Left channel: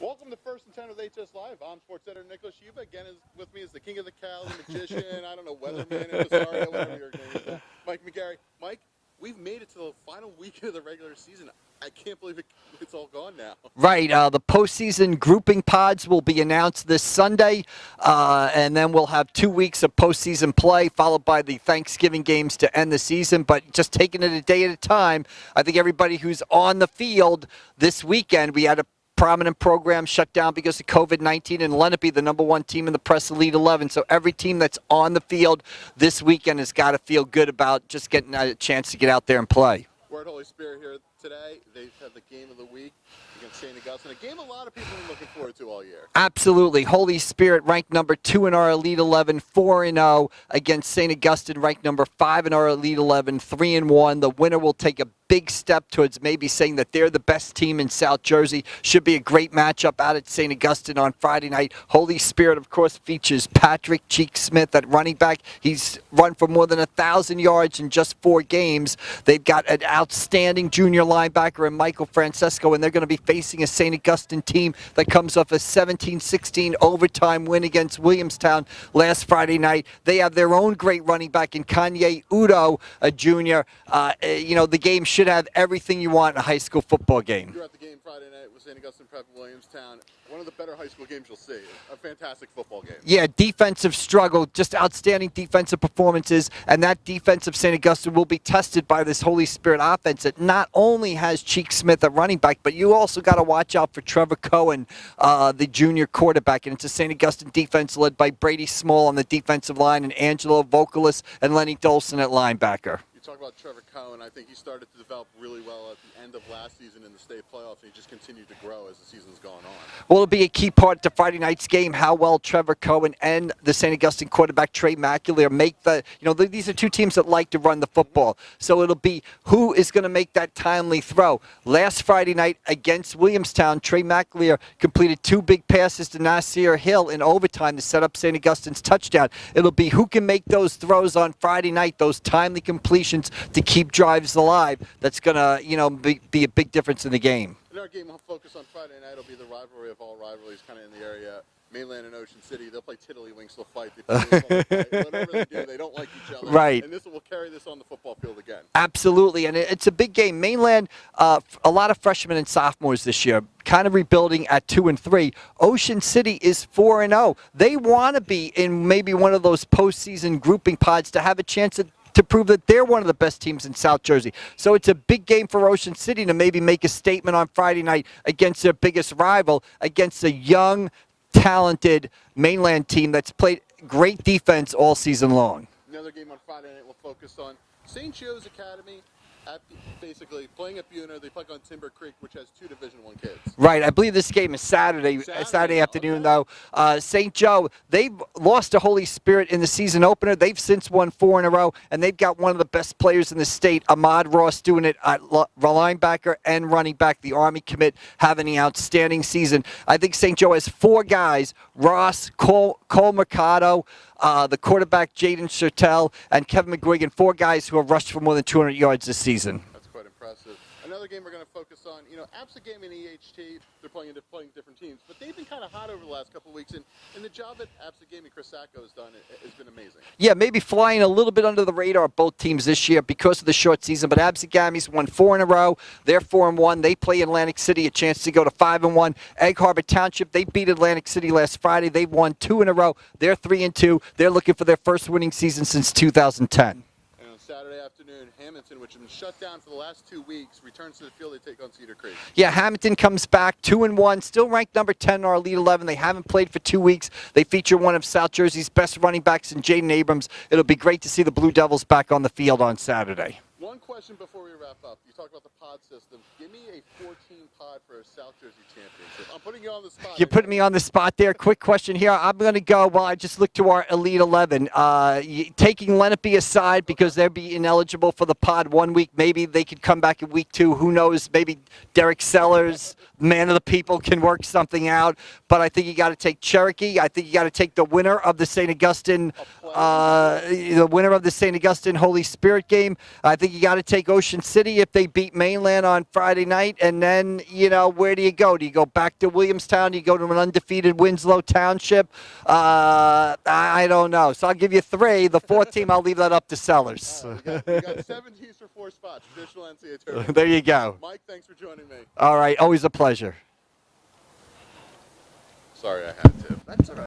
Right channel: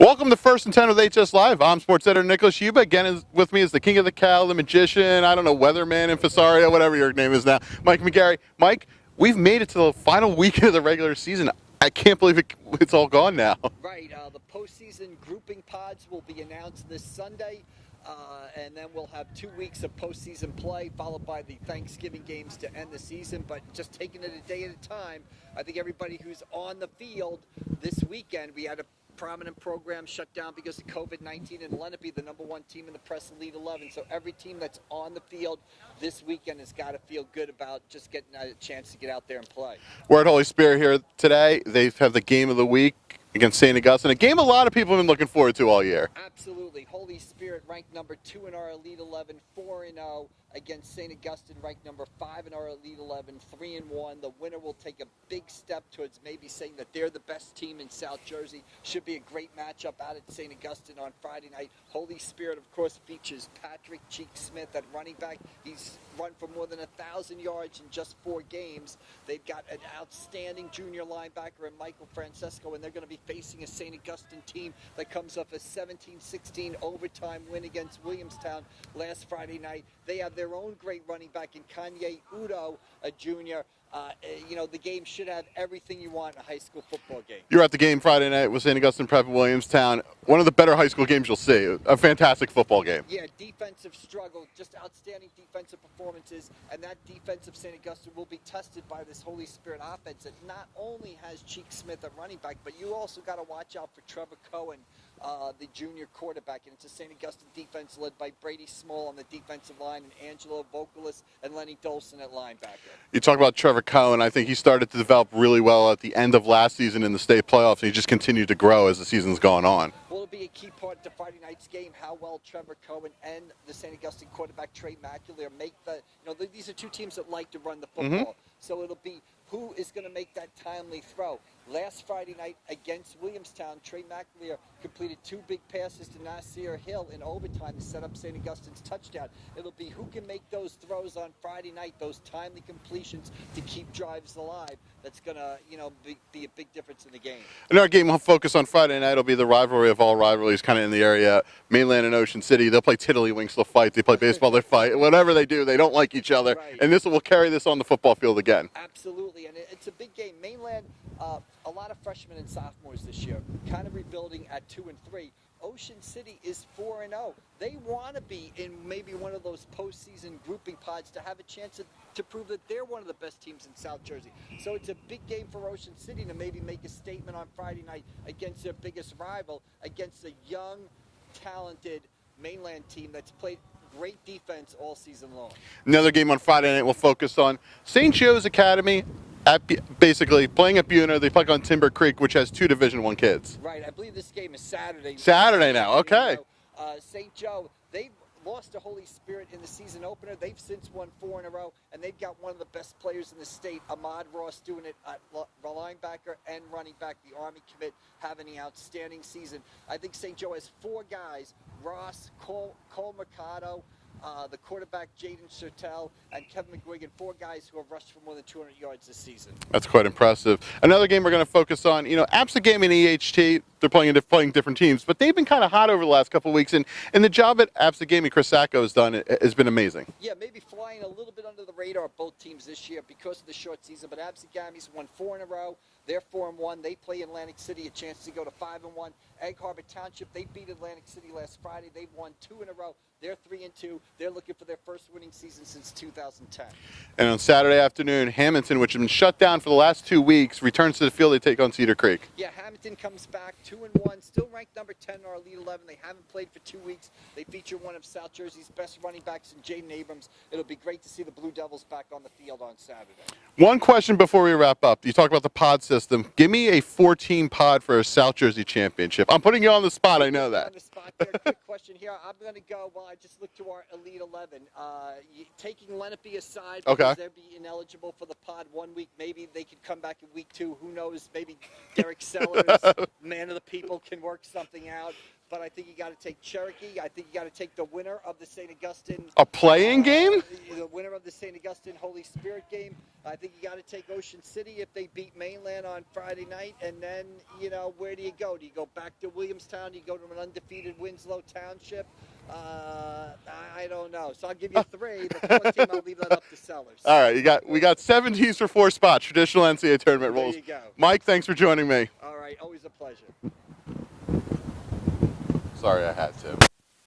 Welcome to First and 10 with HS Live. I'm sports editor Nicholas Huba. Again, with me is the king of the cow, the magician, I don't know, weatherman in Fasario, whatever your name is now, Mike McGarry. Mike, we've made it to the final week of the regular season. I can't believe it's all gone now. Right. The postseason grouping pods will be announced this Sunday, and then we'll have 2 weeks of postseason play, followed by the Thanksgiving games to end the season. But just taking it a day at a time, I think everybody who's on the field this weekend, we had a prominent program shut down because of COVID-19, and Lenape, the #1 team in the Press Elite 11. So every team that's on the field this weekend has got to feel good about just getting a chance to get out there and play. We're at Holy Spirit here today. They have the game of the week against St. Augustine, a game a lot of people have been looking forward to all year. Absolutely. Holy Spirit ranked #2 in our Elite 11, 4-0 against St. Augustine, ranked #5 in our Elite 11, 3-1. The winner will take a big step towards maybe saying that they're the best team in South Jersey. Should be a great matchup out at St. Augustine on Friday night. Holy Spirit, of course, features Patrick Cheek Smith at running back. He's run for more than 1,000 yards in just 4 games. They've got an outstanding junior linebacker in Michael Francesco, and they're going to be facing a St. Augustine team that comes off a 17-16 overtime win against Williamstown last Friday night. They have their own great running back in Kanye Udo, a junior. The game should have everything you want in a high school football game. You're at the game Friday night with St. Augustine Prep and Williamstown. One of the better high school games you'll see. A fantastic football game. Yeah, defensive struggle, just outstanding defensive performances, and that defense of St. Augustine will be tested by this Holy Spirit offense that not only has Cheek Smith at running back, but you also got to watch out for Trevor Cohen, the junior quarterback, and it's a St. Augustine defense led by Brady Small on the defensive line and Angelo Vocalis and Lenny Dolson at linebacker. You talk about Trevor Cohen. I think he started to develop really well at the end of last season in the state playoffs, and he just continued to grow as the season's gone on. Well, it'll be a key part to Friday night's game, how well Trevor Cohen and the St. Augustine quarterback Trey McAleer make these are two teams that like to run the football. So it'll be who is going to make that timely throw. Last Friday night against Williamstown, Trey McAleer completed 2 big passes to Nasir Hill in overtime to set up St. Augustine's touchdown. It'll be who can make those throws on Friday night, those timely completions to keep drives alive. That's going to, be a big difference in the game. In our game, we'll focus on Friday night. It'll be the rivalry of all rivalries kind of in the area, Mainland and Ocean City. They'll play tiddlywinks, they'll fight, they play baseball, they fight. Whatever they do, they don't like each other. Right. And we'll carry this on the football field again. Absolutely, and it's a big game. Mainland, a lot of freshmen and sophomores this year, kind of rebuilding at 2 and 3. Ocean City is 4-0. They want to be in maybe one of those postseason grouping pods to have a chance to prove that they're one of the best teams in South Jersey. So it's a big game for Ocean City to maybe make a statement on Friday night against their biggest rival, against a young, talented Mainland team that's played great defense all season long. Another game on Friday night we'll focus on St. Joe's Academy. Basically playing at Buena. They play on Timber Creek, which has 2 Division I kids. Right. I believe this game is Saturday afternoon, okay. though. St. Joe, they've lost to Holy Spirit in the season opener. They've since won 4 in a row, and they've got one of the best players in the state, Ahmad Ross, doing it at linebacker and running back. The Army commit having an outstanding season. I think St. Joe has 4 guys, Ross, Cole Mercado, the quarterback Jaden Chertel, and Kevin McGuigan, 4 guys who have rushed for more than 200 yards this season. That's quite impressive. Another game we're going to focus on, Absegame and EHT, they're playing different teams, but they've been kind of hot over the last couple of weeks, and the job at Absegame Chris Sacco has done has been amazing. Yeah, maybe flying a little bit under the radar of both teams this year because of the short season, but Absegame's won 4 in a row. They're 4-1. They play Atlantic City, a chance to go to 5-1. Egg Harbor Township, they beat Atlantic City last Friday. They've won 2 in a row. They're 3-2. They're looking for their first winning season since 2010. And on Saturday afternoon, Hamilton, which has been shut down for the last 2 weeks, returns to the field. They take on Cedar Creek. Yeah, Hamilton comes back 2-1, still ranked #10 in our Elite 11. They haven't played for 2 weeks. They feature one of South Jersey's best running backs in Jaden Abrams. It'll be great to see the Blue Devils back on the field on Saturday. One question before we wrap up. You talk about the pod system. Give me a 4-team pod for a South Jersey championship. I'm putting you on the spot. You're putting me on the spot there. Quick question here. I'm going to go, I just looked to our Elite 11. Taking Lenape aside because they'll be ineligible for the pod 1 week. Maybe they could come back in week 2. Who knows? Maybe Derek Sellers, man of the people, can work something out. But I think you got to take Cherokee. I think you got to take the winner of the St. Augustine. A playing game? The winner of the St. Augustine Holy Spirit game. I think think you got to take Ocean City if they beat Mainland on Friday night, and then, you know, where do you go? Do you go back to Williamstown? Do you go to an undefeated Winslow Township? I don't know. So I'll give you 3. The 4th team, I'll leave that up to Sellers. All right, we got 7 teams for 4 spots. Traditional NCAA tournament. There you go. Mike, thanks for joining me. All right, always a pleasure. Sorry, I had to.